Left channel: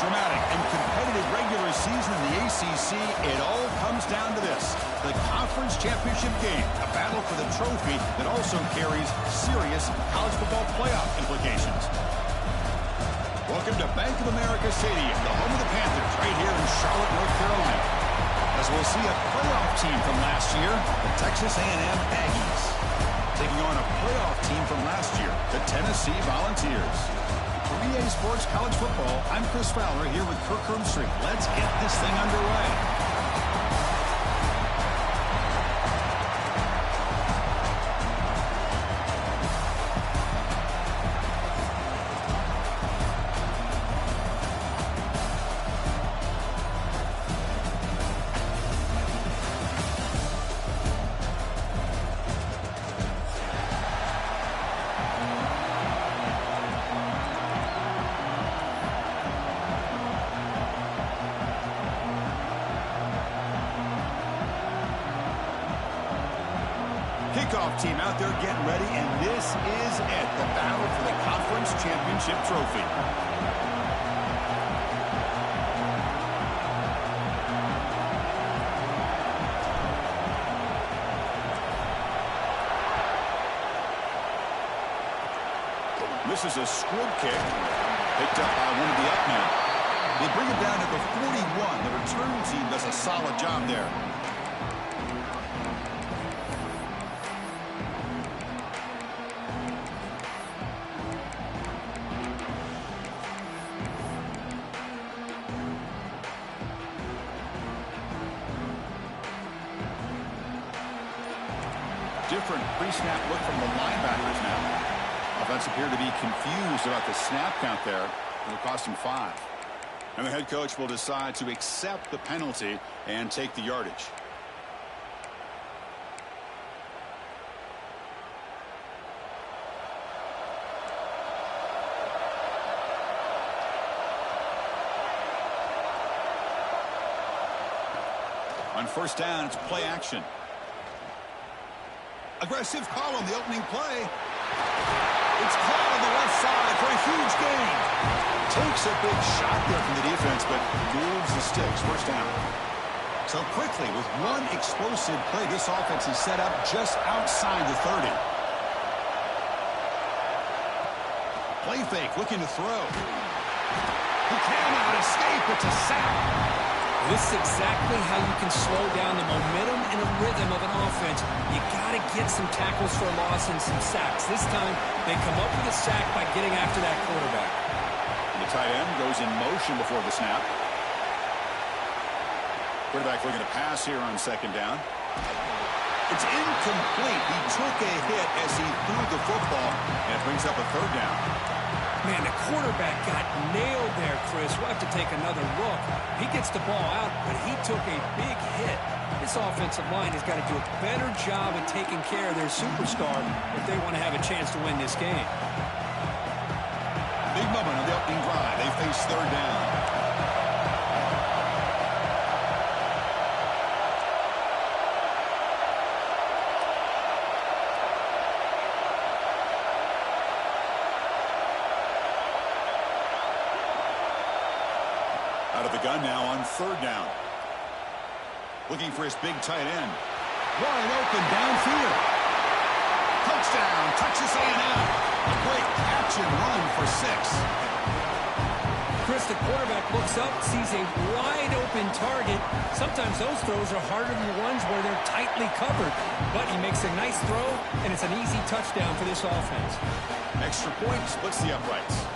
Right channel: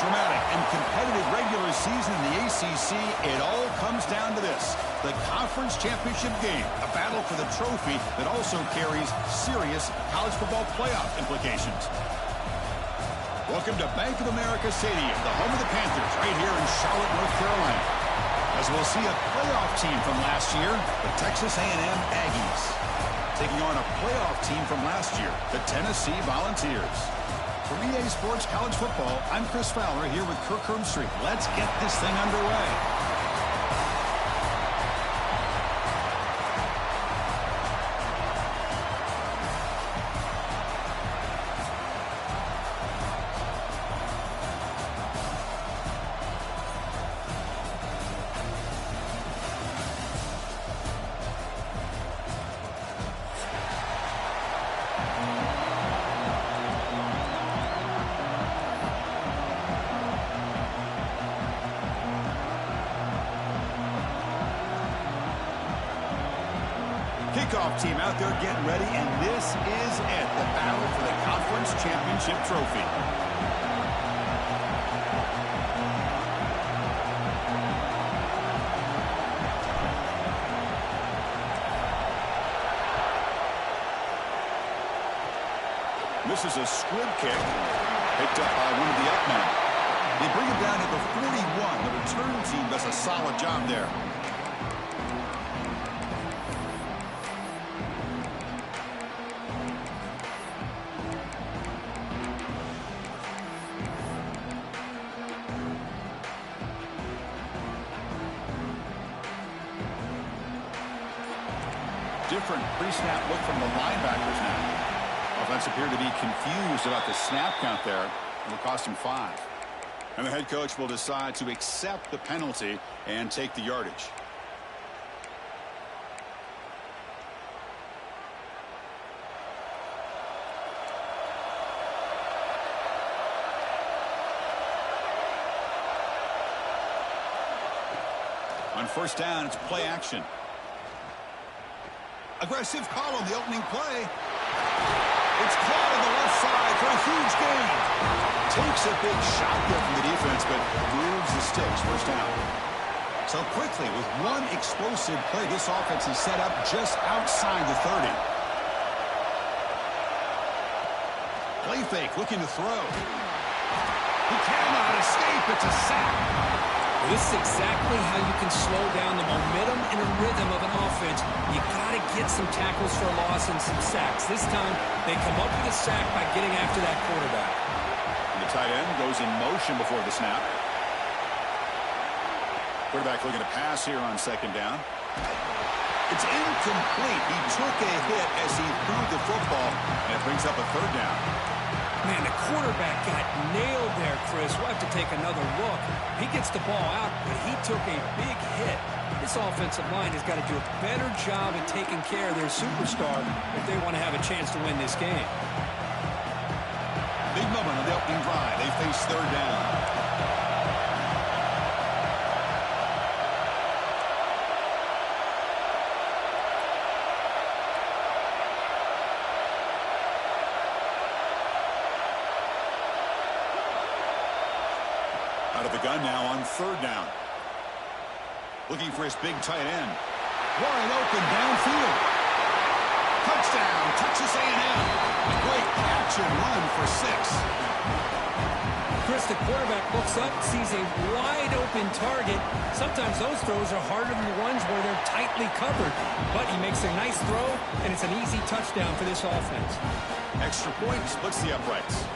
dramatic and competitive regular season in the ACC, it all comes down to this: the conference championship game, a battle for the trophy that also carries serious college football playoff implications. Welcome to Bank of America Stadium, the home of the Panthers, right here in Charlotte, North Carolina. As we'll see a playoff team from last year, the Texas A&M Aggies, taking on a playoff team from last year, the Tennessee Volunteers. For EA Sports College Football, I'm Chris Fowler here with Kirk Hermstreet. Let's get this thing underway. Kickoff team out there getting ready, and this is it, the battle for the conference championship trophy. This is a squib kick, picked up by one of the up men. They bring him down at the 41. The return team does a solid job there. Different pre-snap look from the linebackers now. Offense appeared to be confused about the snap count there. It'll cost him 5. And the head coach will decide to accept the penalty and take the yardage. On first down, it's play action. Aggressive call on the opening play. It's caught on the left side for a huge gain. Takes a big shot there from the defense, but moves the sticks. First down. So quickly, with one explosive play, this offense is set up just outside the 30. Play fake, looking to throw. He cannot escape. It's a sack. This is exactly how you can slow down the momentum and a rhythm of an offense. You got to get some tackles for a loss and some sacks. This time, they come up with a sack by getting after that quarterback. And the tight end goes in motion before the snap. Quarterback looking to pass here on second down. It's incomplete. He took a hit as he threw the football, and it brings up a third down. Man, the quarterback got nailed there, Chris. We'll have to take another look. He gets the ball out, but he took a big hit. This offensive line has got to do a better job at taking care of their superstar if they want to have a chance to win this game. Big moment on the opening drive. They face third down. Out of the gun now on third down. Looking for his big tight end. Wide open downfield. Touchdown, Texas A&M. A great catch and run for 6. Chris, the quarterback looks up, sees a wide open target. Sometimes those throws are harder than the ones where they're tightly covered. But he makes a nice throw, and it's an easy touchdown for this offense. Extra point splits the uprights.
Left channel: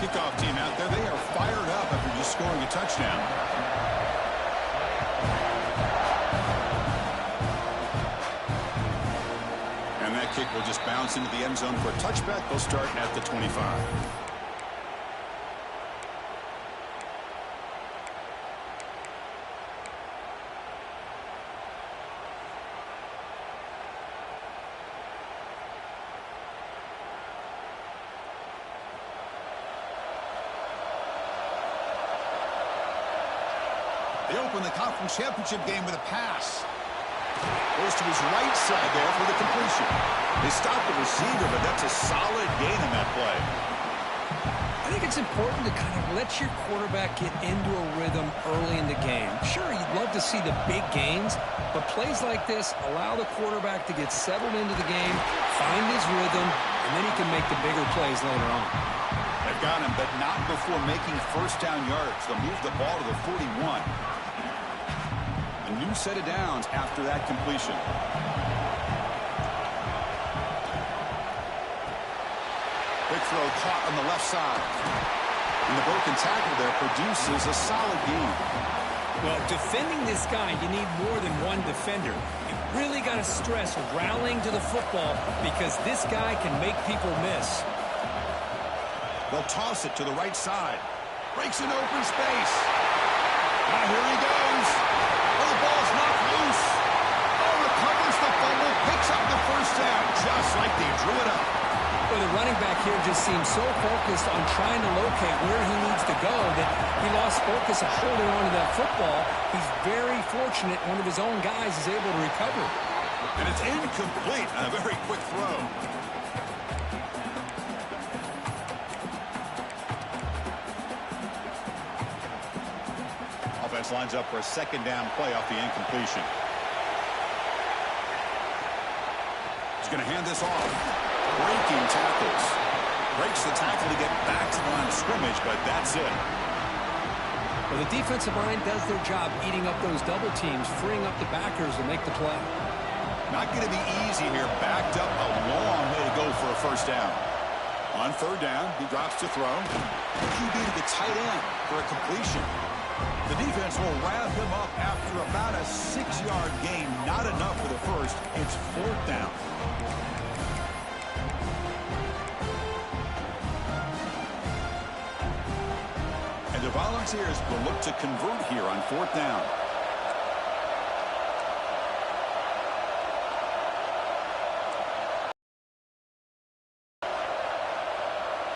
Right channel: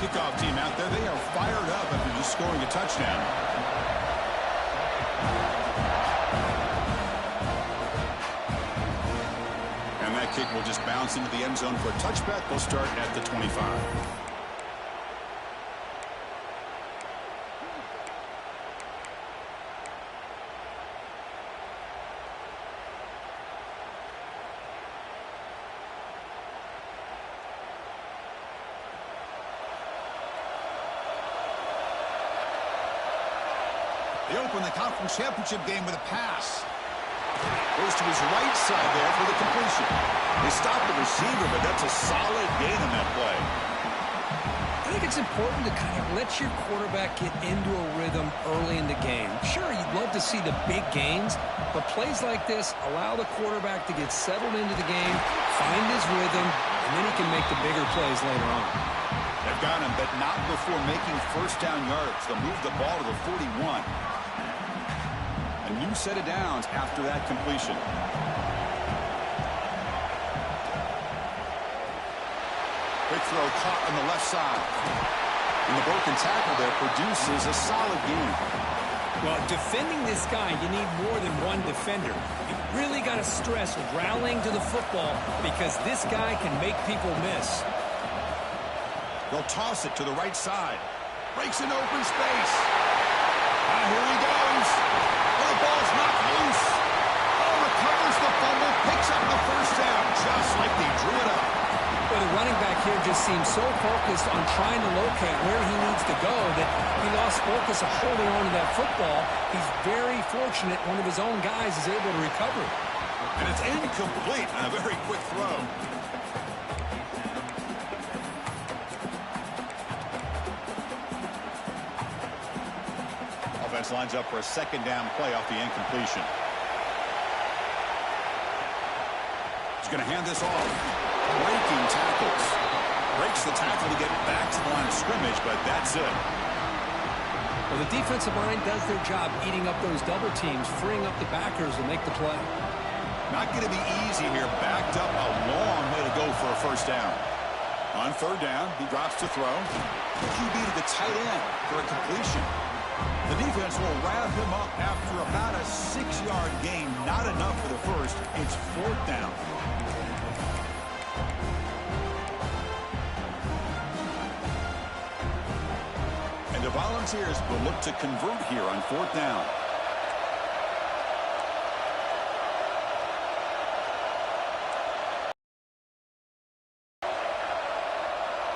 Kickoff team out there, they are fired up after just scoring a touchdown. And that kick will just bounce into the end zone for a touchback. They'll start at the 25. They open the conference championship game with a pass. Goes to his right side there for the completion. They stop the receiver, but that's a solid gain on that play. I think it's important to kind of let your quarterback get into a rhythm early in the game. Sure, you'd love to see the big gains, but plays like this allow the quarterback to get settled into the game, find his rhythm, and then he can make the bigger plays later on. They've got him, but not before making first down yards. They'll move the ball to the 41. A new set of downs after that completion. Big throw caught on the left side. And the broken tackle there produces a solid gain. Well, defending this guy, you need more than one defender. You really got to stress rallying to the football because this guy can make people miss. They'll toss it to the right side. Breaks an open space. Now here he goes. Oh, the ball's knocked loose. Oh, recovers the fumble, picks up the first down, just like they drew it up. Well, the running back here just seems so focused on trying to locate where he needs to go that he lost focus of holding on to that football. He's very fortunate one of his own guys is able to recover. And it's incomplete on a very quick throw. Offense lines up for a second down play off the incompletion. He's going to hand this off. Breaking tackles. Breaks the tackle to get back to the line of scrimmage, but that's it. Well, the defensive line does their job eating up those double teams, freeing up the backers to make the play. Not going to be easy here. Backed up a long way to go for a first down. On third down, he drops to throw. QB to the tight end for a completion. The defense will wrap him up after about a 6-yard gain. Not enough for the first. It's fourth down. And the Volunteers will look to convert here on fourth down.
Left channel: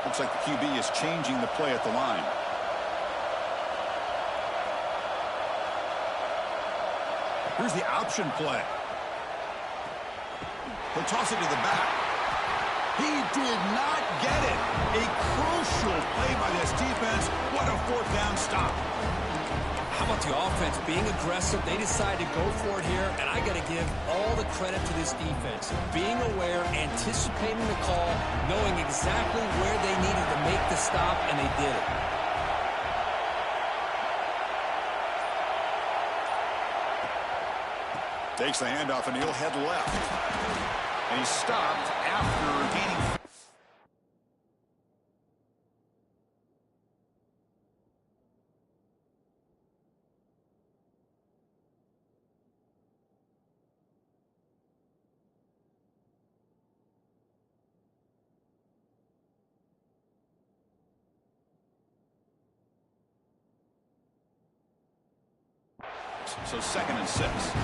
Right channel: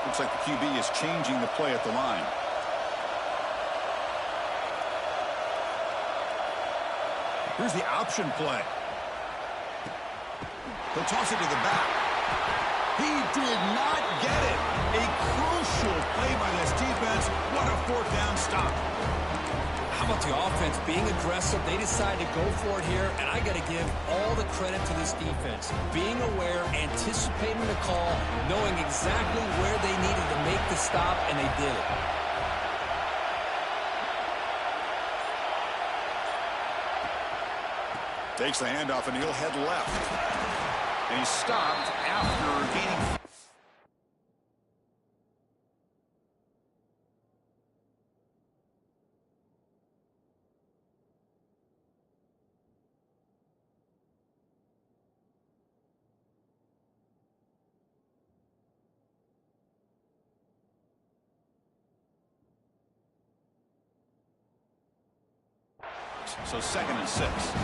Looks like the QB is changing the play at the line. Here's the option play. He'll toss it to the back. He did not get it. A crucial play by this defense. What a fourth down stop. How about the offense being aggressive? They decide to go for it here, and I got to give all the credit to this defense. Being aware, anticipating the call, knowing exactly where they needed to make the stop, and they did it. Takes the handoff, and he'll head left. And he's stopped after gaining. So 2nd and 6.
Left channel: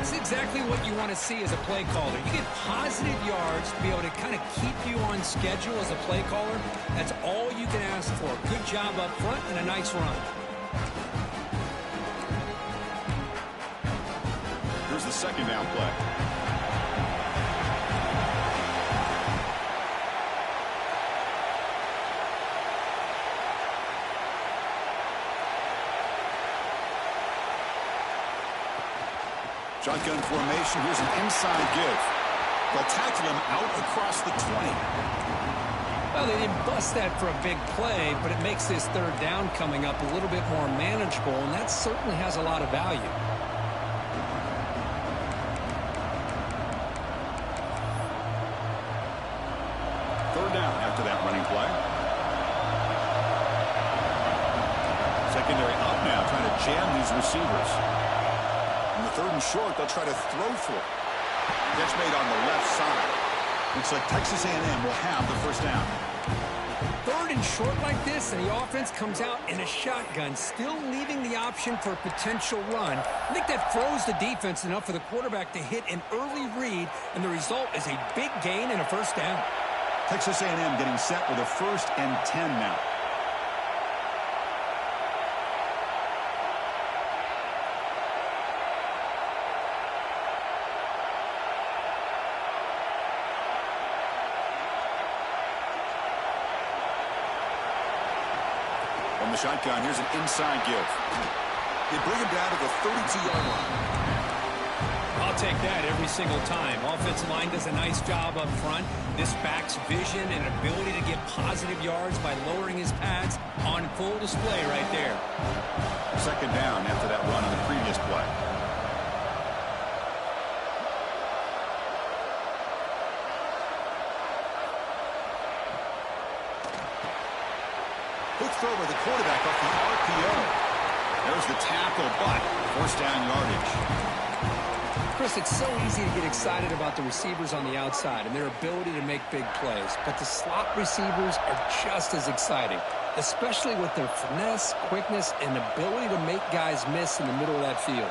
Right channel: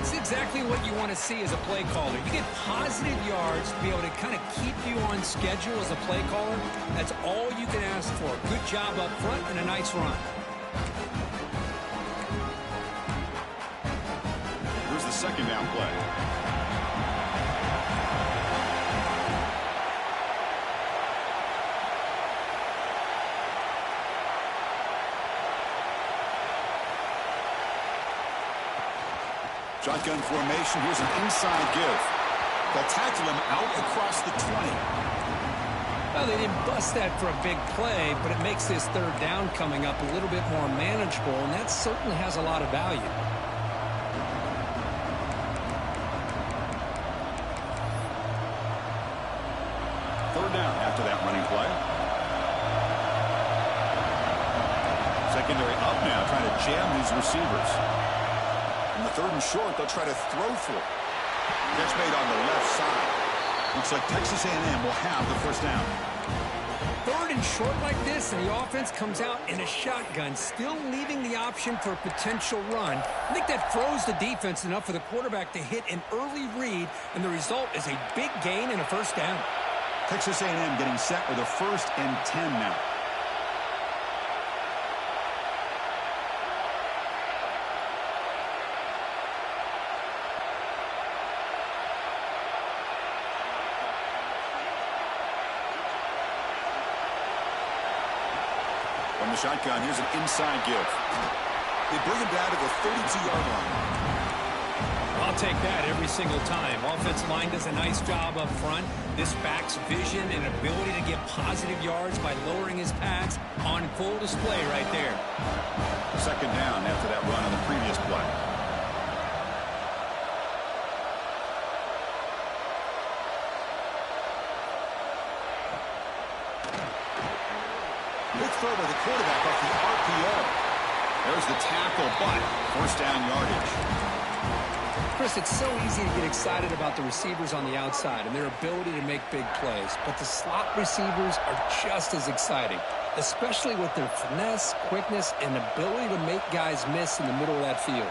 It's exactly what you want to see as a play caller. You get positive yards to be able to kind of keep you on schedule as a play caller. That's all you can ask for. Good job up front and a nice run. Here's the second down play. Shotgun formation. Here's an inside give. They'll tackle him out across the 20. Well, they didn't bust that for a big play, but it makes this third down coming up a little bit more manageable, and that certainly has a lot of value. Third down after that running play. Secondary up now, trying to jam these receivers. On the 3rd and short, they'll try to throw for it. Catch made on the left side. Looks like Texas A&M will have the first down. 3rd and short like this, and the offense comes out in a shotgun, still leaving the option for a potential run. I think that froze the defense enough for the quarterback to hit an early read, and the result is a big gain and a first down. Texas A&M getting set with a 1st and 10 now. From the shotgun, here's an inside give. They bring him down to the 32-yard line. I'll take that every single time. Offensive line does a nice job up front. This back's vision and ability to get positive yards by lowering his pads on full display right there. Second down after that run on the previous play. Quick throw by the quarterback off the RPO. There's the tackle, but first down yardage. Chris, it's so easy to get excited about the receivers on the outside and their ability to make big plays, but the slot receivers are just as exciting, especially with their finesse, quickness, and ability to make guys miss in the middle of that field.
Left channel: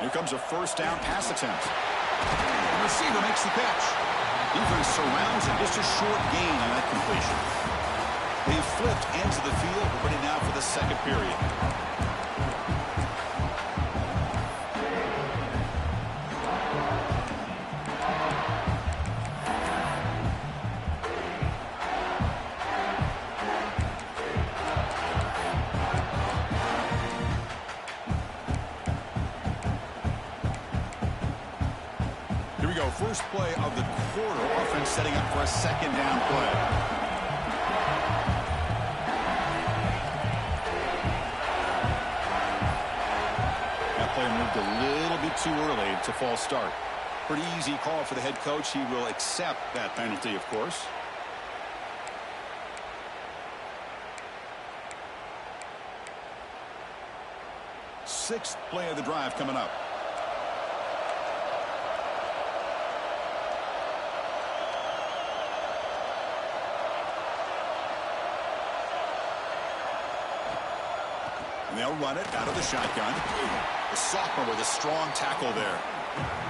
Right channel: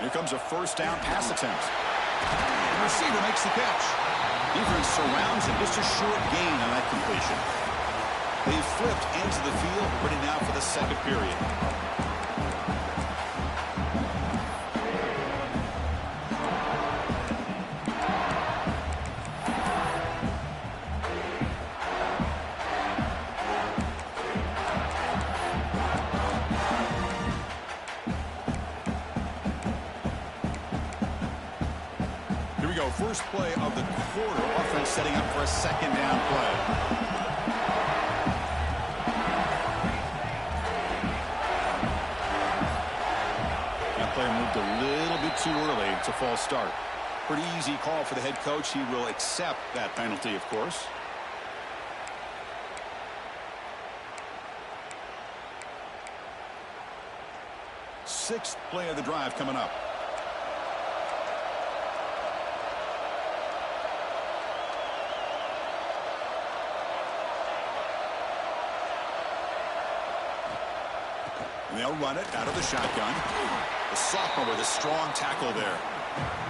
Here comes a first down pass attempt. The receiver makes the catch. Defense surrounds him. Just a short gain on that completion. They flipped into the field. We're ready now for the second period. Here we go. First play of the quarter. Offense setting up for a second down play. That player moved a little bit too early. It's a false start. Pretty easy call for the head coach. He will accept that penalty, of course. Sixth play of the drive coming up. And they'll run it out of the shotgun. The sophomore with a strong tackle there.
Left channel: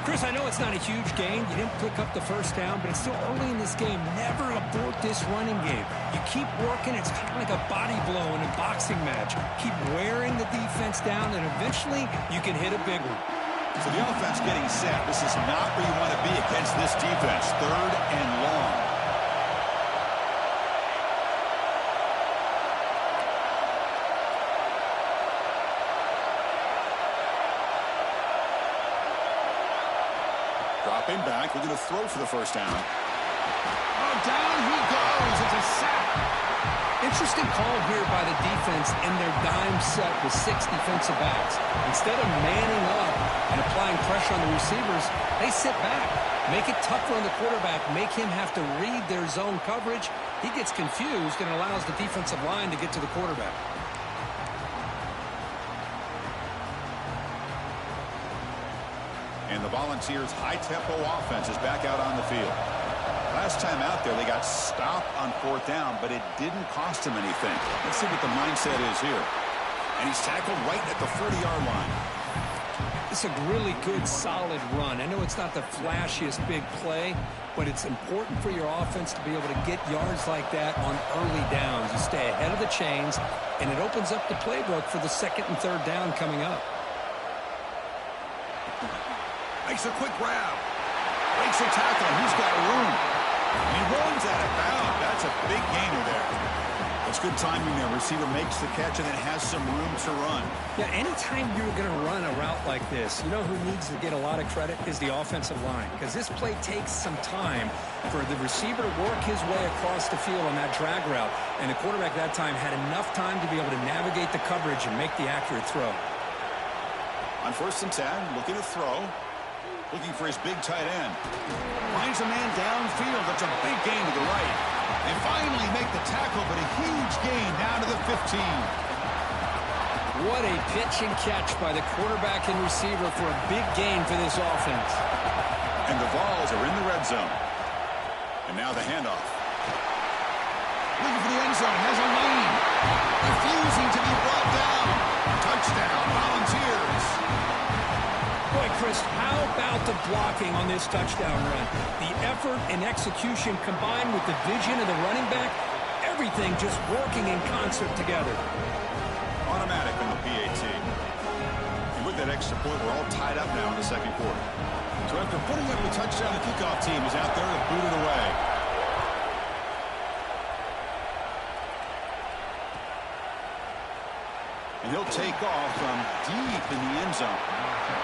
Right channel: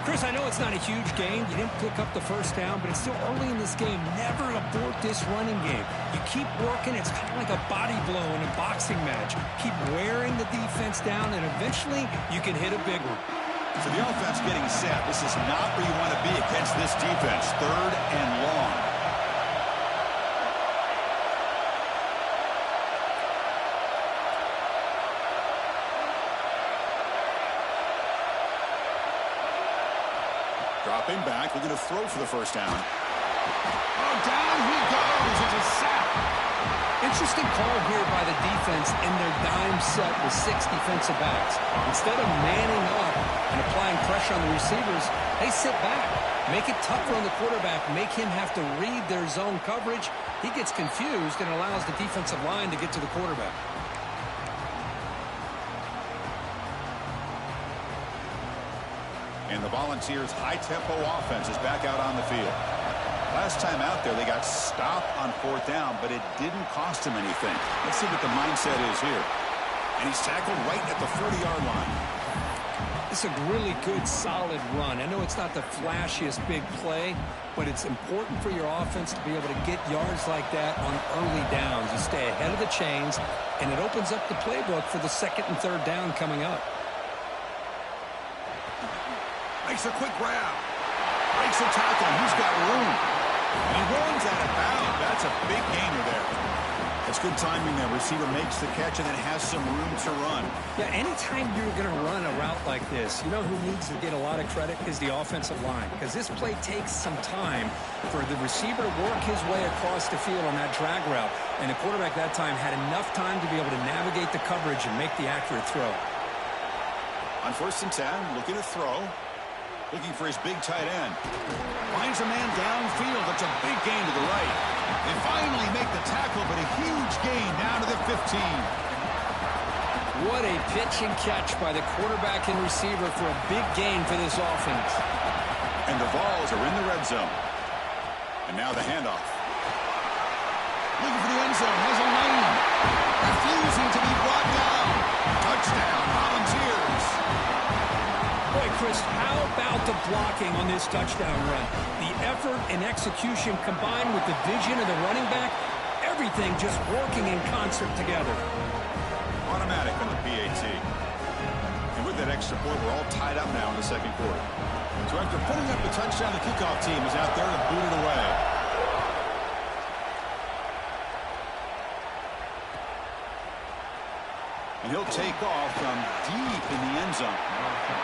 Chris, I know it's not a huge gain. You didn't pick up the first down, but it's still early in this game. Never abort this running game. You keep working. It's kind of like a body blow in a boxing match. Keep wearing the defense down, and eventually you can hit a big one. So the offense getting set. This is not where you want to be against this defense. Third and long. Dropping back, looking to throw for the first down. Oh, down he goes. It's a sack. Interesting call here by the defense in their dime set with 6 defensive backs. Instead of manning up and applying pressure on the receivers, they sit back. Make it tougher on the quarterback. Make him have to read their zone coverage. He gets confused and allows the defensive line to get to the quarterback. And the Volunteers' high-tempo offense is back out on the field. Last time out there, they got stopped on fourth down, but it didn't cost him anything. Let's see what the mindset is here. And he's tackled right at the 40-yard line. It's a really good, solid run. I know it's not the flashiest big play, but it's important for your offense to be able to get yards like that on early downs. You stay ahead of the chains, and it opens up the playbook for the second and third down coming up. Makes a quick grab. Breaks a tackle, and he's got room. And he runs out of bounds. That's a big gainer there. That's good timing there. Receiver makes the catch and then has some room to run. Yeah, anytime you're going to run a route like this, you know who needs to get a lot of credit is the offensive line. Because this play takes some time for the receiver to work his way across the field on that drag route. And the quarterback that time had enough time to be able to navigate the coverage and make the accurate throw. On 1st and 10, looking to throw. Looking for his big tight end. Finds a man downfield. That's a big gain to the right. They finally make the tackle, but a huge gain down to the 15. What a pitch and catch by the quarterback and receiver for a big gain for this offense. And the Vols are in the red zone. And now the handoff. Looking for the end zone. Has a lane. Refusing to be brought down. Touchdown, Volunteers. Boy, Chris, how about the blocking on this touchdown run? The effort and execution combined with the vision of the running back, everything just working in concert together. Automatic on the PAT. And with that extra point. We're all tied up now in the second quarter. So after putting up the touchdown, the kickoff team is out there to boot it away. And he'll take off from deep in the end zone.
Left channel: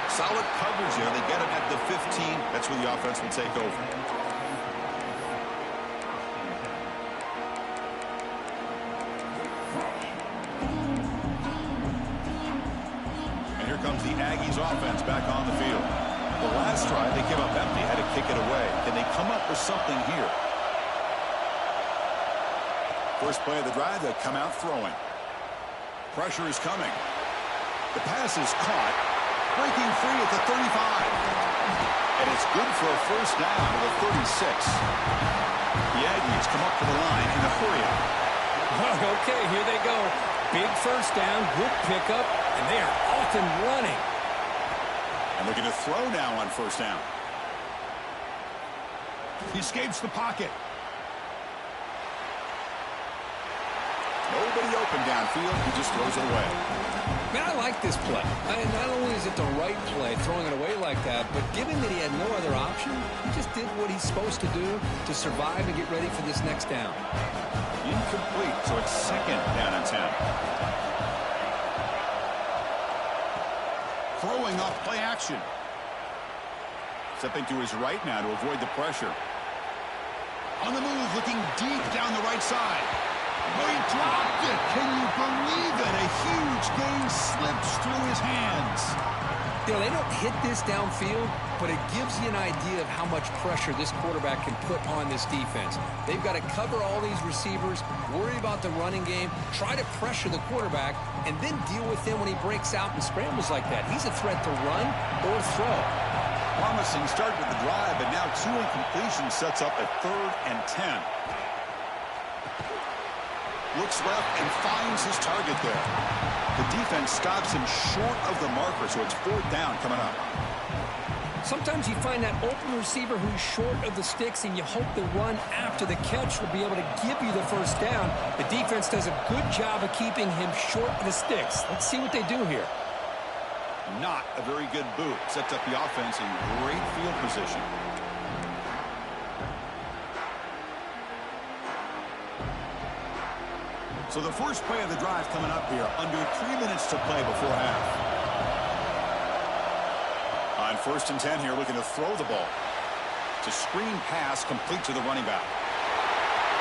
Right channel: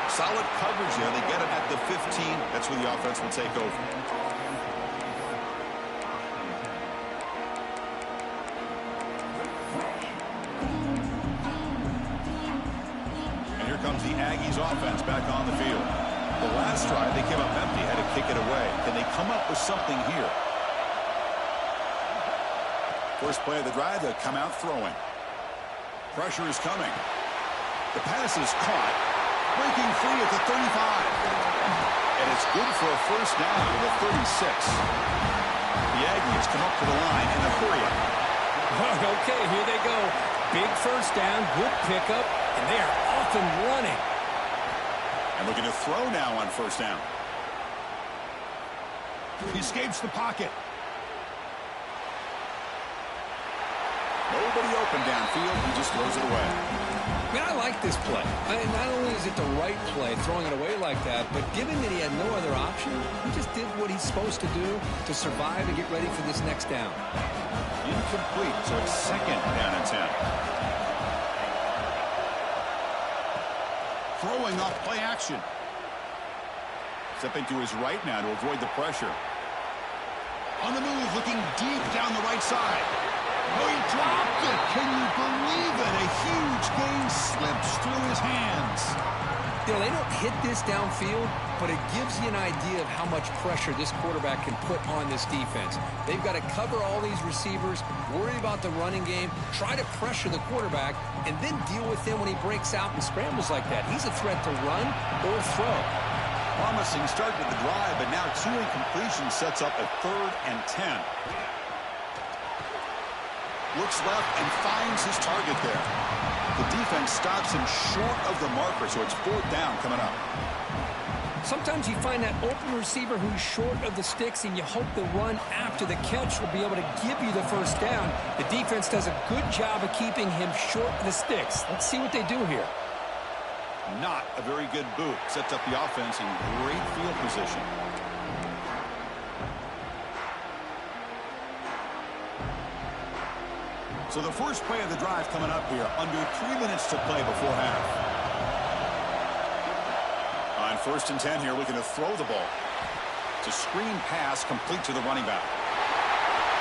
Solid coverage there. They get him at the 15. That's where the offense will take over. And here comes the Aggies offense back on the field. The last drive, they came up empty, had to kick it away. Can they come up with something here? First play of the drive, they'll come out throwing. Pressure is coming. The pass is caught. Breaking free at the 35. And it's good for a first down to the 36. The Aggies come up to the line in a hurry up. Okay, here they go. Big first down, good pickup, and they are off and running. And looking to throw now on first down. He escapes the pocket. Nobody open downfield. He just throws it away. Man, I like this play. Not only is it the right play, throwing it away like that, but given that he had no other option, he just did what he's supposed to do to survive and get ready for this next down. Incomplete, so it's second down and 10. Throwing off play action. Stepping to his right now to avoid the pressure. On the move, looking deep down the right side. Oh, he dropped it. Can you believe it? A huge gain slips through his hands. You know, they don't hit this downfield, but it gives you an idea of how much pressure this quarterback can put on this defense. They've got to cover all these receivers, worry about the running game, try to pressure the quarterback, and then deal with him when he breaks out and scrambles like that. He's a threat to run or throw. Promising start with the drive, but now 2 incompletions sets up a 3rd and 10. Looks left and finds his target there. The defense stops him short of the marker, so it's 4th down coming up. Sometimes you find that open receiver who's short of the sticks, and you hope the run after the catch will be able to give you the first down. The defense does a good job of keeping him short of the sticks. Let's see what they do here. Not a very good boot. Sets up the offense in great field position. So the first play of the drive coming up here. Under 3 minutes to play before half. On 1st and 10 here, looking to throw the ball. It's a screen pass complete to the running back.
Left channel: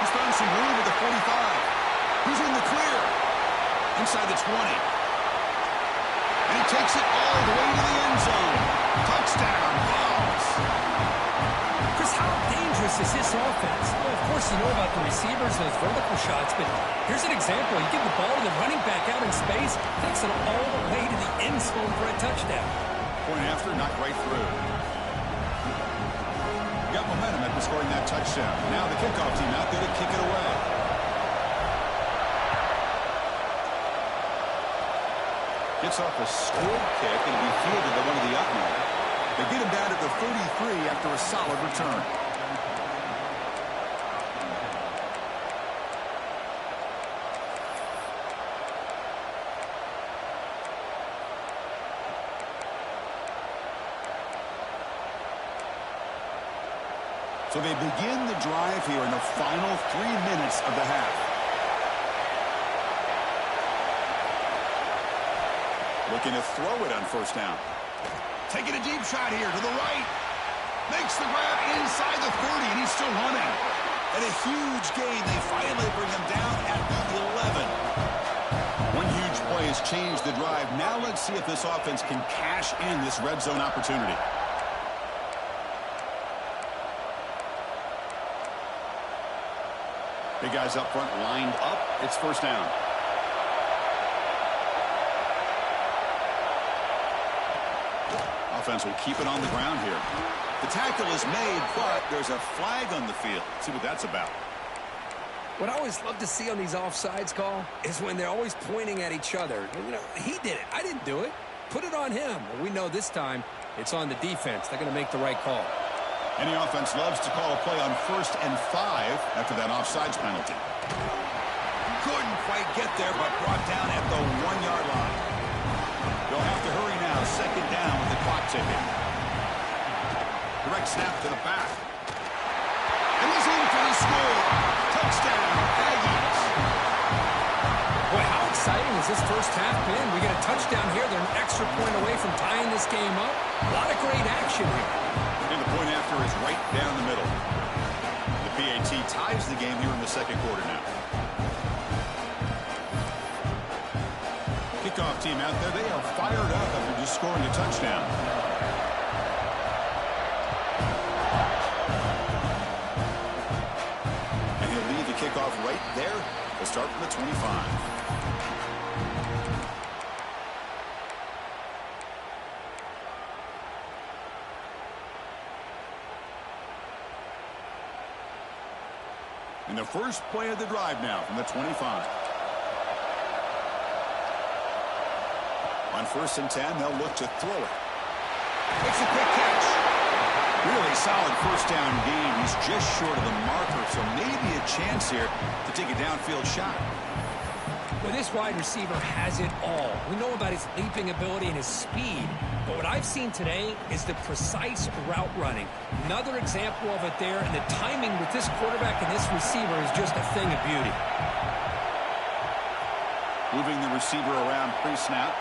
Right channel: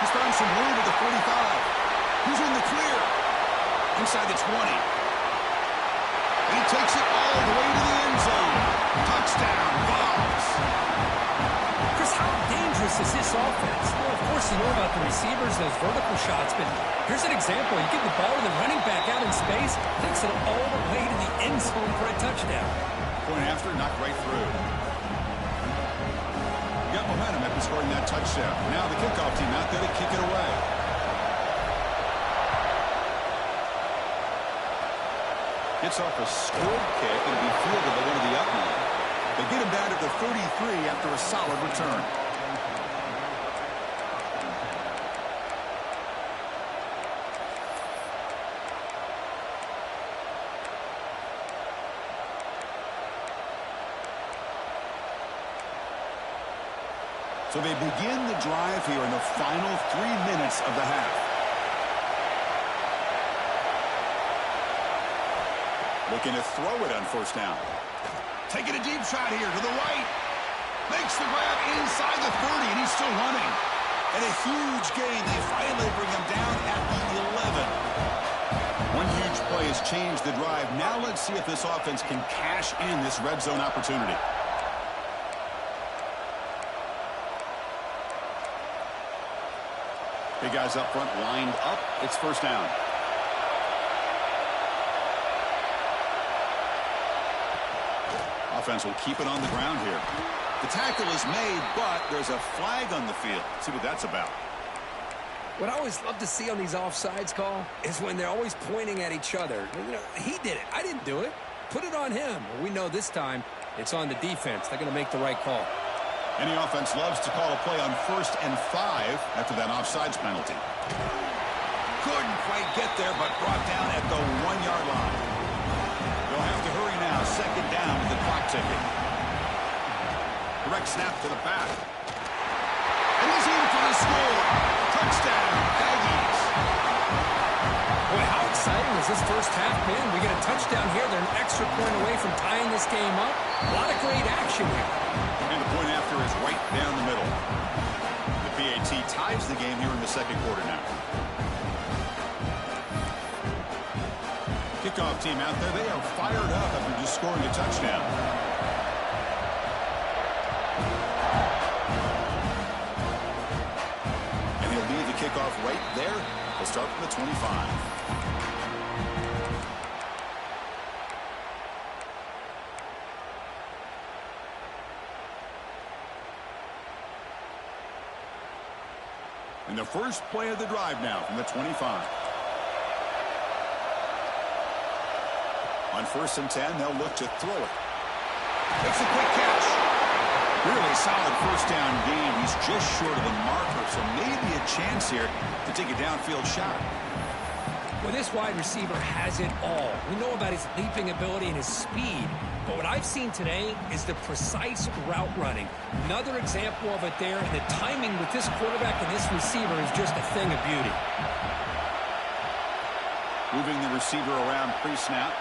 He's found some room at the 45. He's in the clear. Inside the 20. And he takes it all the way to the end zone. Touchdown, Vols. Chris, how dangerous is this offense? Well, of course, you know about the receivers, those vertical shots, but here's an example. You give the ball to the running back out in space, takes it all the way to the end zone for a touchdown. Point after, knocked right through. Got momentum after scoring that touchdown. Now the kickoff team out there to kick it away. Gets off a squib kick and it'll be fielded by one of the up-men. They get him down at the 33 after a solid return. So they begin the drive here in the final 3 minutes of the half. Looking to throw it on first down. Taking a deep shot here to the right. Makes the grab inside the 30, and he's still running. And a huge gain. They finally bring him down at the 11. One huge play has changed the drive. Now let's see if this offense can cash in this red zone opportunity. Big guys up front lined up. It's first down. Offense will keep it on the ground here. The tackle is made, but there's a flag on the field. See what that's about. What I always love to see on these offsides call is when they're always pointing at each other. You know, he did it. I didn't do it. Put it on him. Well, we know this time it's on the defense. They're going to make the right call. Any offense loves to call a play on 1st and 5 after that offsides penalty. Couldn't quite get there, but brought down at the 1-yard line. They'll have to hurry now. second down with the clock ticking. Direct snap to the back. And he's in for the score. Touchdown, Aggies. Boy, how exciting has this first half been? We get a touchdown here. They're an extra point away from tying this game up. A lot of great action here. And the point after is right down the middle. The PAT ties the game here in the second quarter now. Kickoff team out there. They are fired up after just scoring a touchdown. And he'll lead the kickoff right there. They'll start from the 25. And the first play of the drive now from the 25. On 1st and 10, they'll look to throw it. Makes a quick catch. Really solid first down game. He's just short of the marker, so maybe a chance here to take a downfield shot. Well, this wide receiver has it all. We know about his leaping ability and his speed, but what I've seen today is the precise route running. Another example of it there, and the timing with this quarterback and this receiver is just a thing of beauty. Moving the receiver around pre-snap.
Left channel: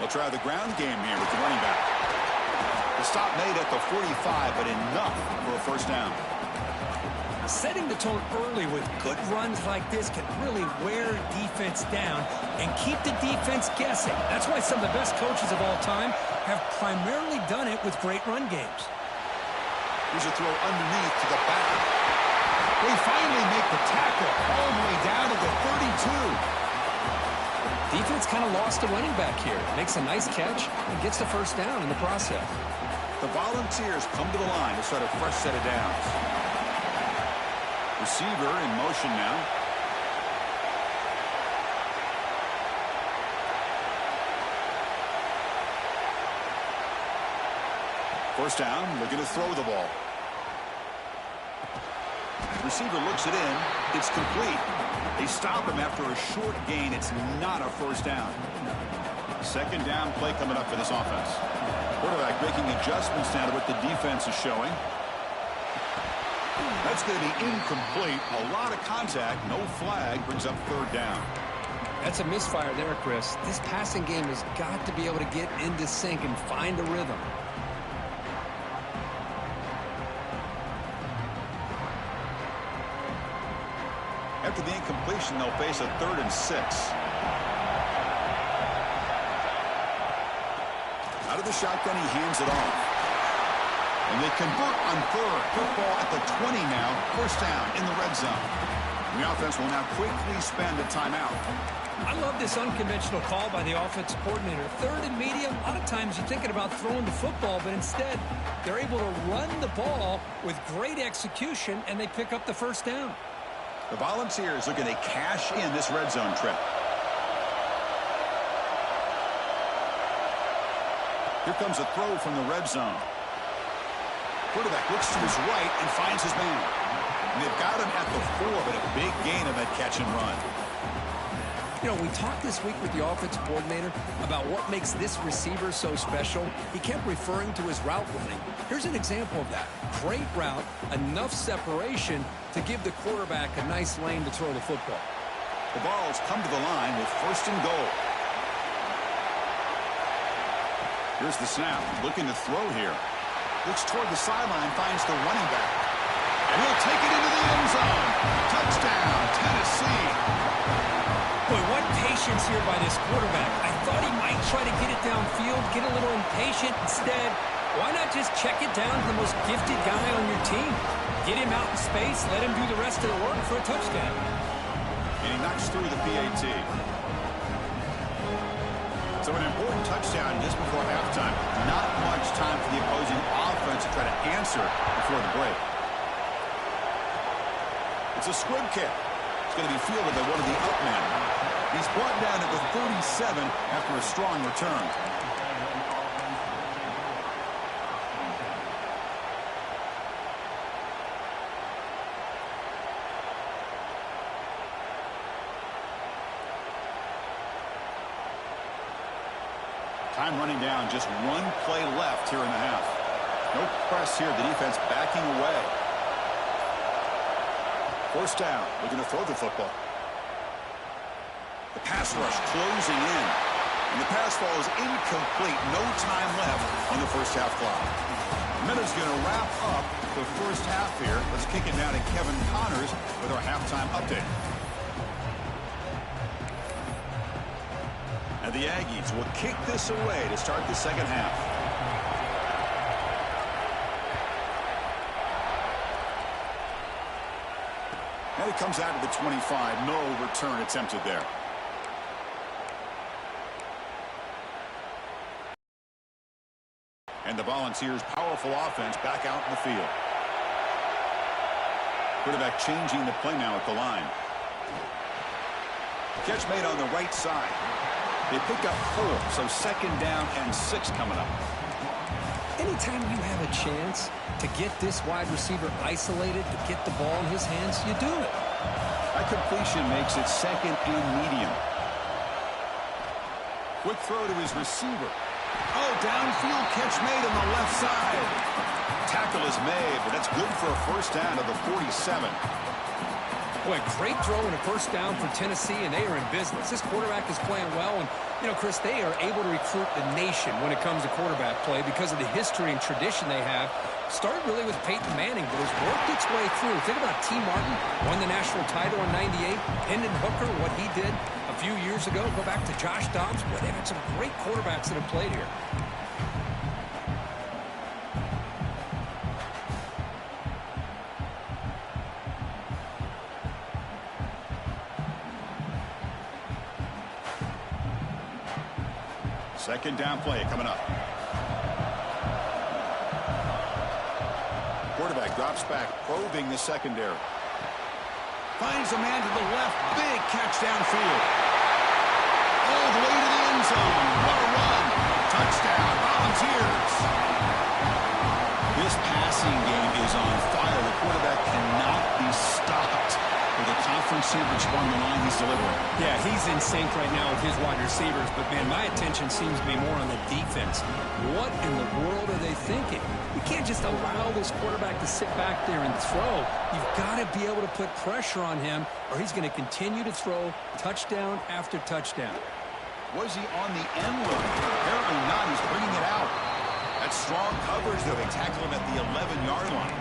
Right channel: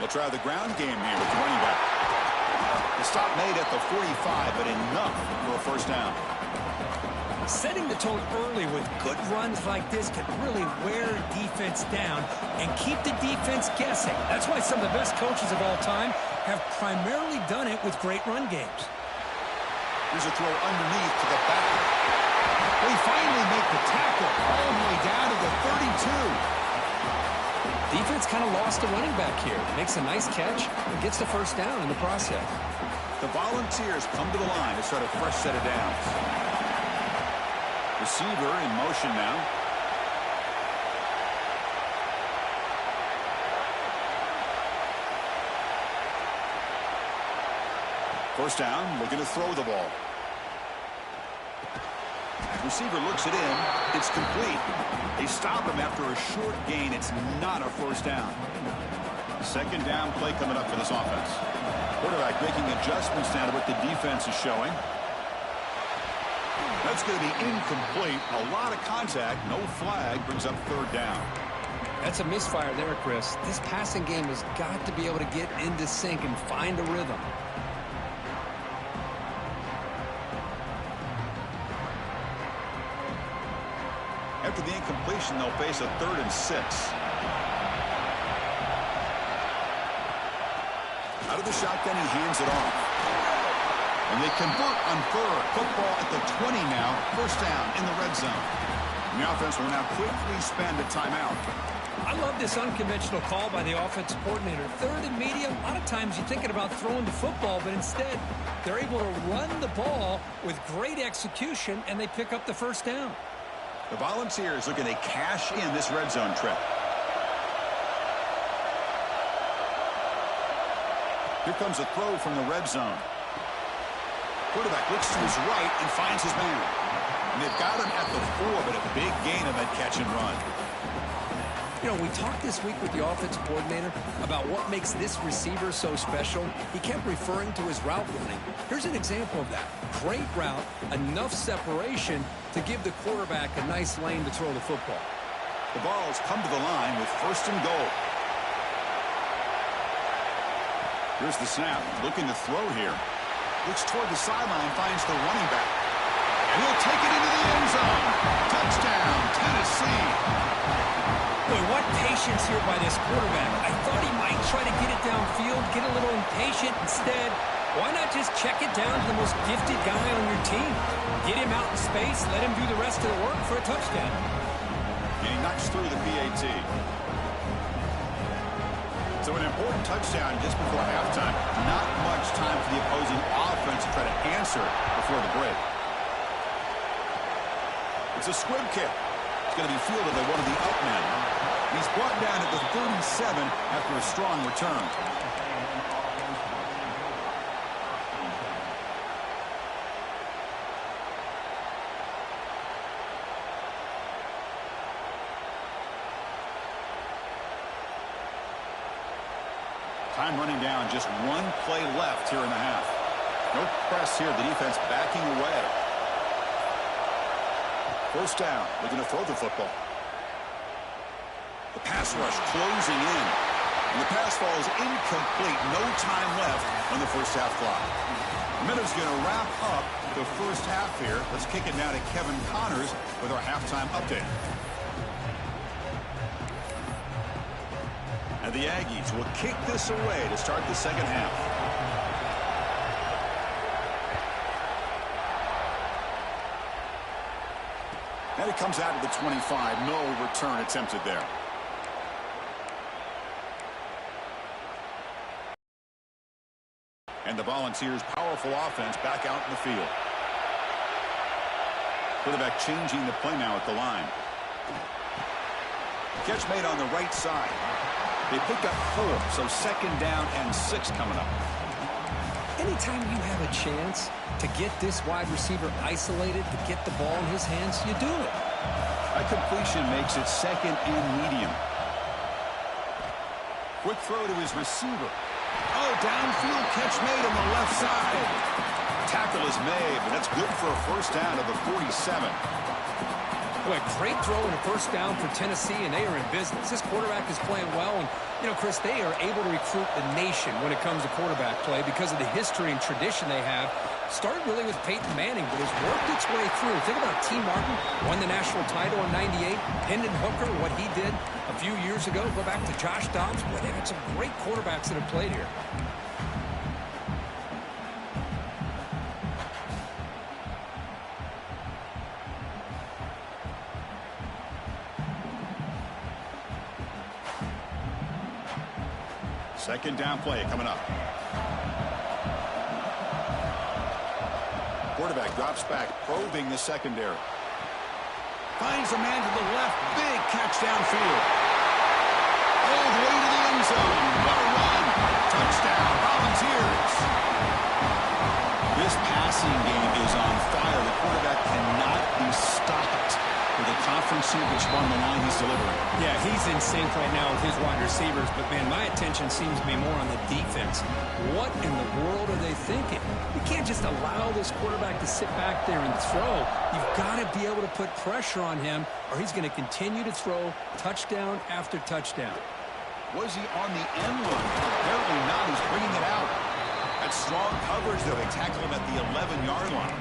They'll try the ground game here with the running back. The stop made at the 45, but enough for a first down. Setting the tone early with good runs like this can really wear defense down and keep the defense guessing. That's why some of the best coaches of all time have primarily done it with great run games. Here's a throw underneath to the back. We finally make the tackle all the way down to the 32. Defense kind of lost the running back here. Makes a nice catch and gets the first down in the process. The Volunteers come to the line to start a fresh set of downs. Receiver in motion now. First down, looking to throw the ball. Receiver looks it in. It's complete. They stop him after a short gain. It's not a first down. Second down play coming up for this offense. Quarterback making adjustments now to what the defense is showing. That's going to be incomplete. A lot of contact. No flag. Brings up third down. That's a misfire there, Chris. This passing game has got to be able to get into sync and find a rhythm. After the incompletion, they'll face a 3rd and 6. Out of the shotgun, he hands it off. And they convert on 3rd. Football at the 20 now. First down in the red zone. And the offense will now quickly spend a timeout. I love this unconventional call by the offensive coordinator. 3rd and medium, a lot of times you're thinking about throwing the football, but instead they're able to run the ball with great execution, and they pick up the first down. The Volunteers looking to cash in this red zone trip. Here comes a throw from the red zone. Quarterback looks to his right and finds his man. And they've got him at the 4, but a big gain of that catch and run. You know, we talked this week with the offensive coordinator about what makes this receiver so special. He kept referring to his route running. Here's an example of that. Great route, enough separation to give the quarterback a nice lane to throw the football. The Vols come to the line with 1st and goal. Here's the snap, looking to throw here. Looks toward the sideline, finds the running back. And he'll take it into the end zone. Touchdown, Tennessee. Boy, what patience here by this quarterback. I thought he might try to get it downfield, get a little impatient. Instead, why not just check it down to the most gifted guy on your team? Get him out in space, let him do the rest of the work for a touchdown. And he knocks through the PAT. So an important touchdown just before halftime. Not much time for the opposing offense to try to answer before the break. It's a squib kick. It's going to be fielded by one of the out men. He's brought down at the 37 after a strong return. Time running down, just one play left here in the half. No press here, the defense backing away. First down, looking to throw the football. The pass rush closing in. And the pass fall is incomplete. No time left on the first half clock. Miller's going to wrap up the first half here. Let's kick it now to Kevin Connors with our halftime update. And the Aggies will kick this away to start the second half. And it comes out to the 25. No return attempted there. And the Volunteers' powerful offense back out in the field. Quarterback changing the play now at the line. Catch made on the right side. They pick up 4, so second down and 6 coming up. Anytime you have a chance to get this wide receiver isolated, to get the ball in his hands, you do it. That completion makes it second and medium. Quick throw to his receiver. Oh, downfield catch made on the left side. Tackle is made, but that's good for a first down of the 47. Boy, great throw and a first down for Tennessee, and they are in business. This quarterback is playing well, and, you know, Chris, they are able to recruit the nation when it comes to quarterback play because of the history and tradition they have. Started really with Peyton Manning, but has worked its way through. Think about T. Martin, won the national title in '98. Hendon Hooker, what he did a few years ago. Go back to Josh Dobbs. Boy, they've had some great quarterbacks that have played here. Second down play coming up. Quarterback drops back, probing the secondary. Finds a man to the left. Big catch downfield. All the way to the end zone. What a run. Touchdown, Volunteers. This passing game is on fire. The quarterback cannot be stopped. With a conference championship on the line, he's delivering. Yeah, he's in sync right now with his wide receivers, but, man, my attention seems to be more on the defense. What in the world are they thinking? You can't just allow this quarterback to sit back there and throw. You've got to be able to put pressure on him, or he's going to continue to throw touchdown after touchdown. Was he on the end line? Apparently not. He's bringing it out. That's strong coverage, though. They tackle him at the 11-yard line.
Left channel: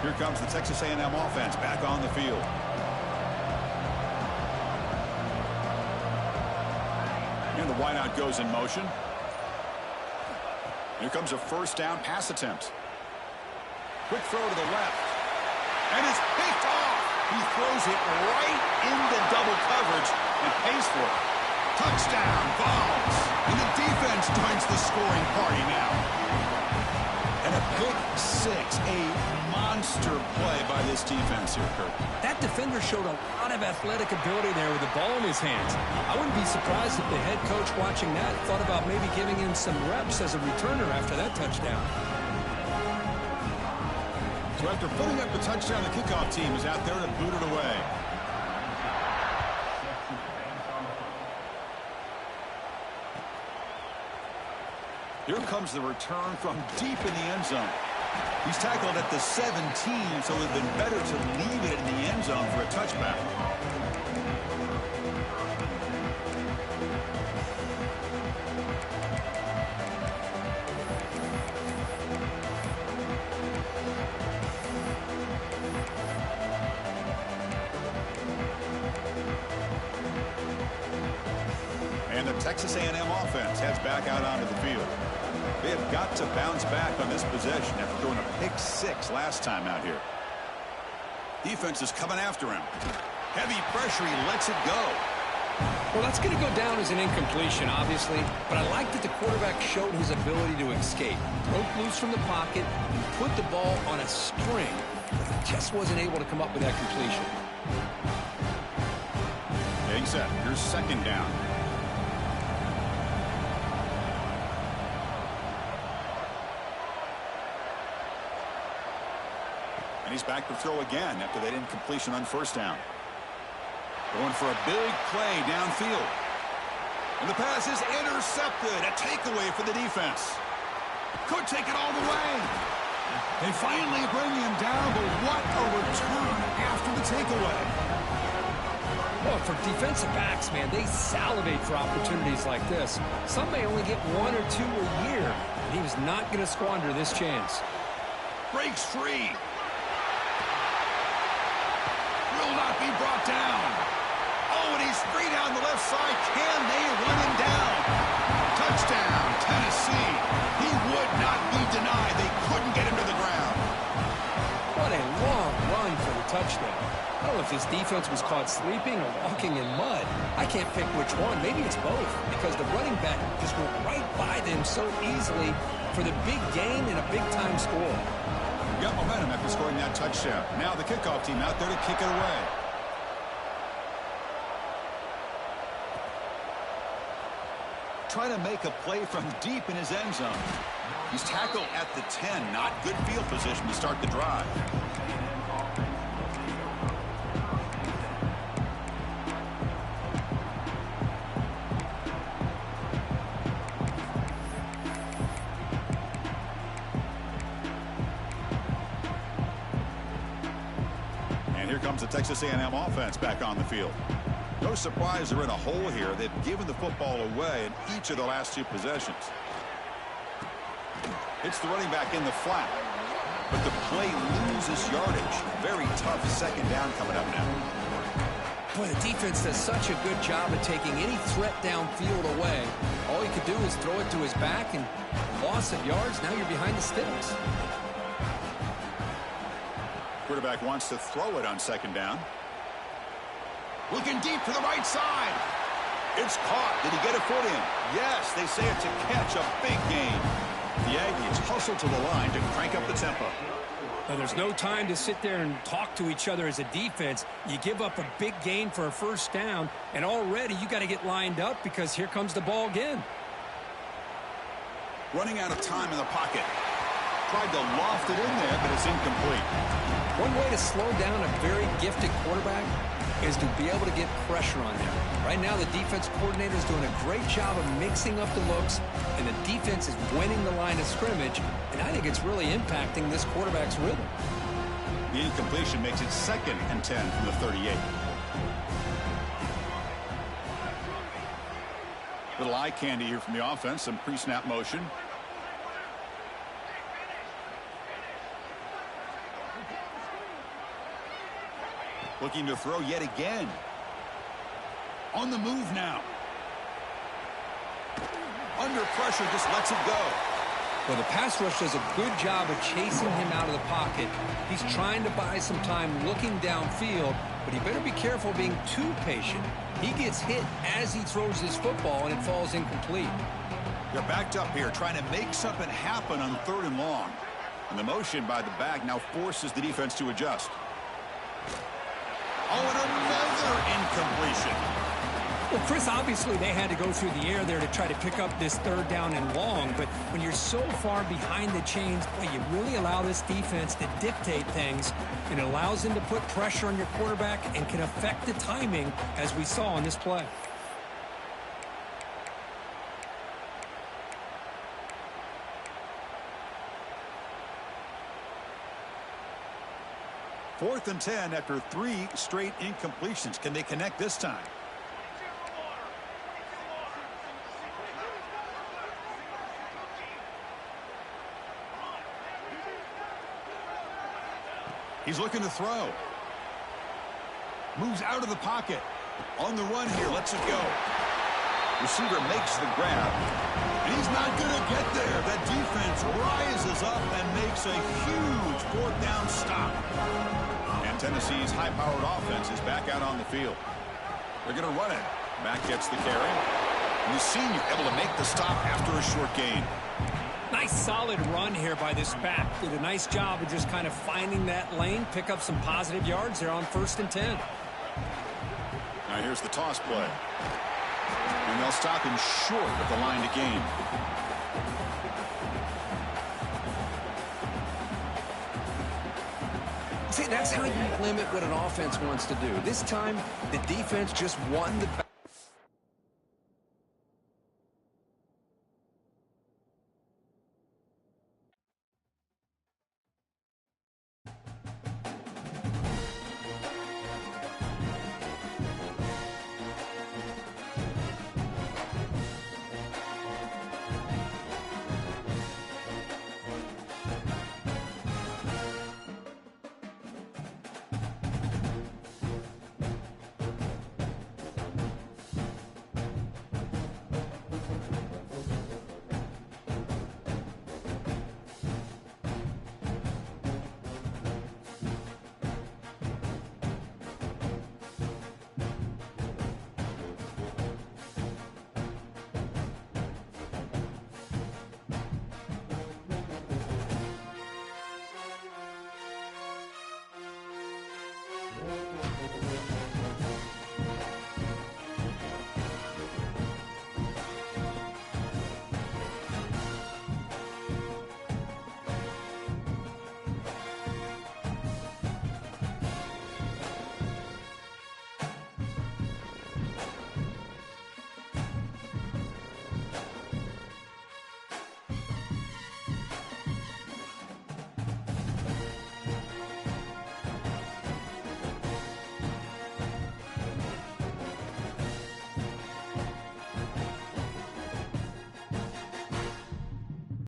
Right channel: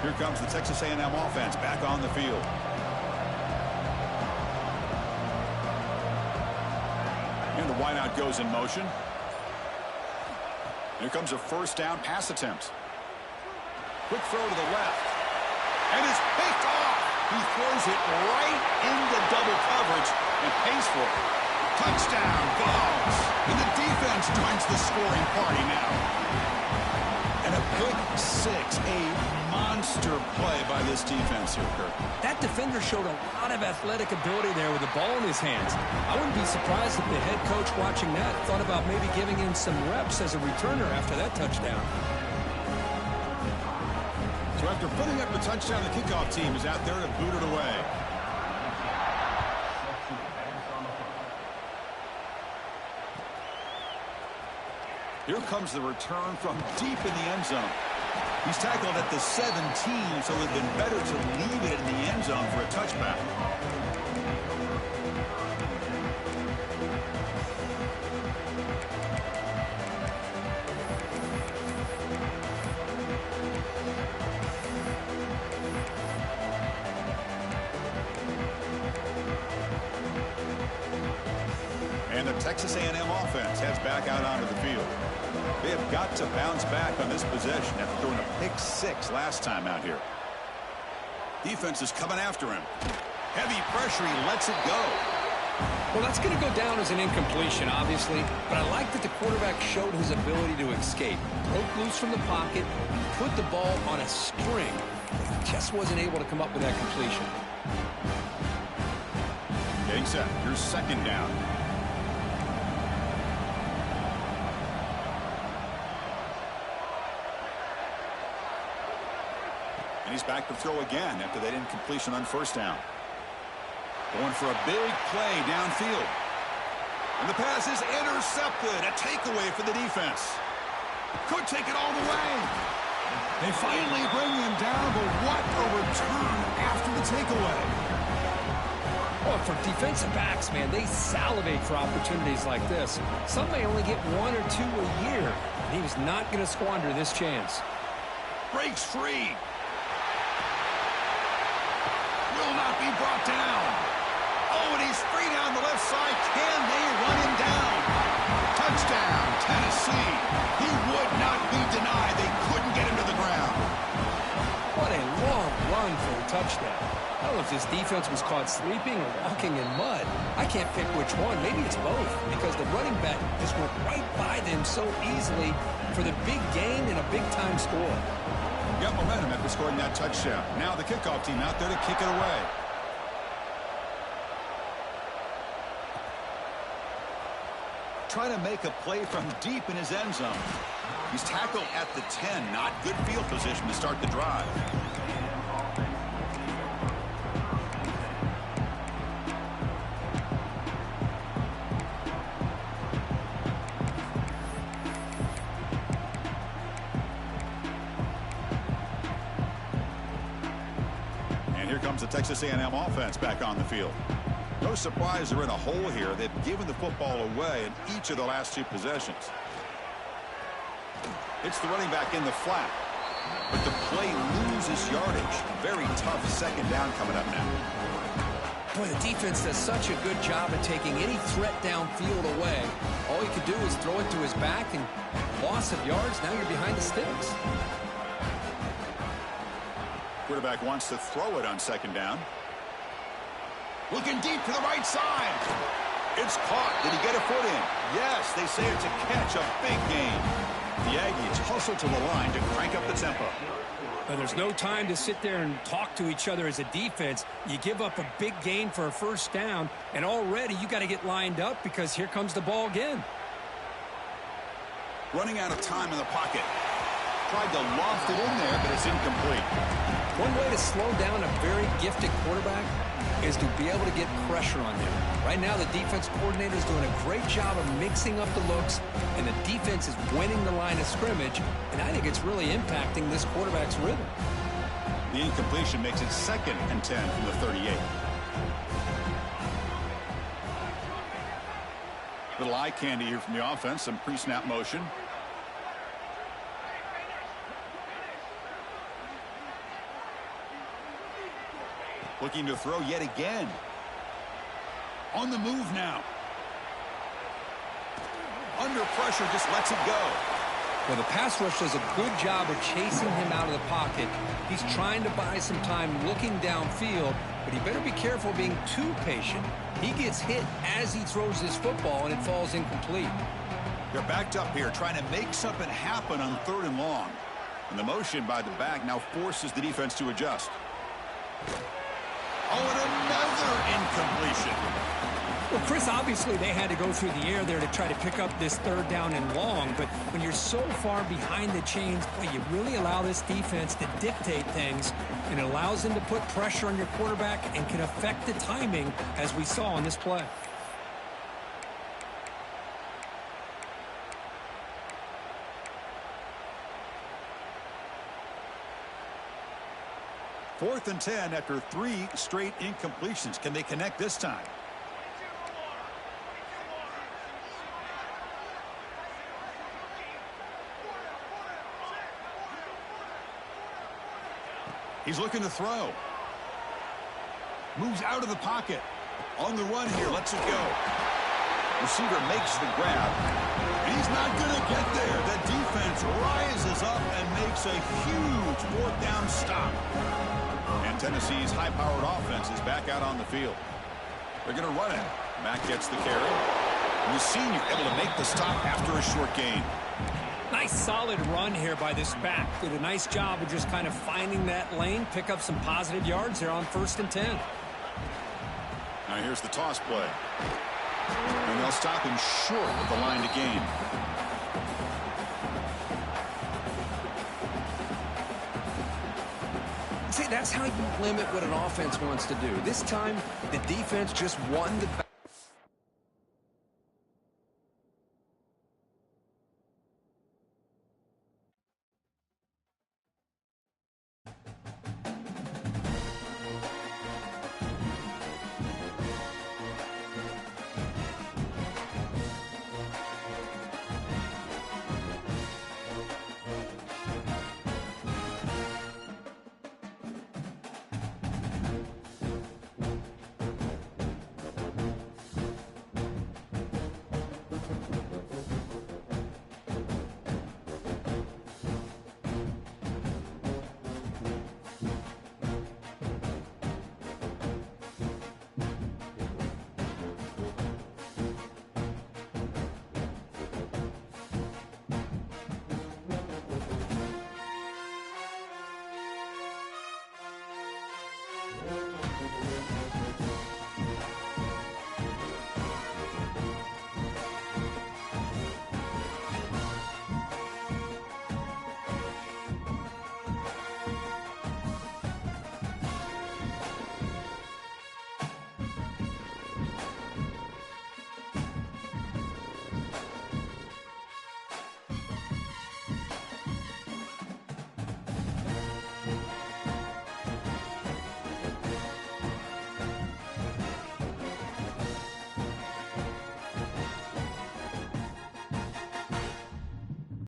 Here comes the Texas A&M offense back on the field. And the wideout goes in motion. Here comes a first down pass attempt. Quick throw to the left. And it's picked off. He throws it right into double coverage and pays for it. Touchdown, Vols. And the defense joins the scoring party now. And a pick six, a monster play by this defense here, Kirk. That defender showed a lot of athletic ability there with the ball in his hands. I wouldn't be surprised if the head coach watching that thought about maybe giving him some reps as a returner after that touchdown. So after putting up the touchdown, the kickoff team is out there to boot it away. Here comes the return from deep in the end zone. He's tackled at the 17, so it would have been better to leave it in the end zone for a touchback. And the Texas A&M offense heads back out onto the field. They have got to bounce back on this possession after throwing a pick six last time out here. Defense is coming after him. Heavy pressure, he lets it go. Well, that's going to go down as an incompletion, obviously, but I like that the quarterback showed his ability to escape. Broke loose from the pocket and put the ball on a string, but he just wasn't able to come up with that completion. Getting set. Here's second down. And he's back to throw again after that incompletion on first down. Going for a big play downfield. And the pass is intercepted. A takeaway for the defense. Could take it all the way. They finally bring him down, but what a return after the takeaway. Well, for defensive backs, man, they salivate for opportunities like this. Some may only get 1 or 2 a year, and he was not going to squander this chance. Breaks free. Will not be brought down. Oh, and he's free down the left side. Can they run him down? Touchdown, Tennessee. He would not be denied. They couldn't get him to the ground. What a long run for the touchdown. I don't know if this defense was caught sleeping or walking in mud. I can't pick which one. Maybe it's both, because the running back just went right by them so easily for the big gain and a big-time score. Got momentum after scoring that touchdown. Now the kickoff team out there to kick it away. Trying to make a play from deep in his end zone. He's tackled at the 10. Not good field position to start the drive. And here comes the Texas A&M offense back on the field. No surprise they're in a hole here. They've given the football away in each of the last 2 possessions. It's the running back in the flat. But the play loses yardage. Very tough second down coming up now. Boy, the defense does such a good job of taking any threat downfield away. All you could do is throw it to his back, and loss of yards, now you're behind the sticks. Quarterback wants to throw it on second down. Looking deep to the right side. It's caught. Did he get a foot in? Yes, they say it's a catch, a big gain. The Aggies hustle to the line to crank up the tempo. Well, there's no time to sit there and talk to each other as a defense. You give up a big gain for a first down, and already you got to get lined up because here comes the ball again. Running out of time in the pocket. Tried to loft it in there, but it's incomplete. One way to slow down a very gifted quarterback is to be able to get pressure on them. Right now, the defense coordinator is doing a great job of mixing up the looks, and the defense is winning the line of scrimmage, and I think it's really impacting this quarterback's rhythm. The incompletion makes it 2nd and 10 from the 38. Little eye candy here from the offense, some pre-snap motion. Looking to throw yet again. On the move now. Under pressure, just lets it go. Well, the pass rush does a good job of chasing him out of the pocket. He's trying to buy some time looking downfield, but he better be careful being too patient. He gets hit as he throws his football, and it falls incomplete. They're backed up here, trying to make something happen on 3rd and long. And the motion by the back now forces the defense to adjust. Oh, and another incompletion. Well, Chris, obviously they had to go through the air there to try to pick up this 3rd down and long, but when you're so far behind the chains, boy, you really allow this defense to dictate things, and it allows them to put pressure on your quarterback and can affect the timing, as we saw on this play. Fourth and 10 after 3 straight incompletions. Can they connect this time? He's looking to throw. Moves out of the pocket. On the run here, lets it go. Receiver makes the grab. And he's not going to get there. That defense rises up and makes a huge 4th down stop. And Tennessee's high-powered offense is back out on the field. They're going to run it. Mack gets the carry. And the senior able to make the stop after a short gain. Nice solid run here by this back. Did a nice job of just kind of finding that lane, pick up some positive yards there on 1st and 10. Now here's the toss play. And they'll stop him short of the line to gain. See, that's how you limit what an offense wants to do. This time, the defense just won the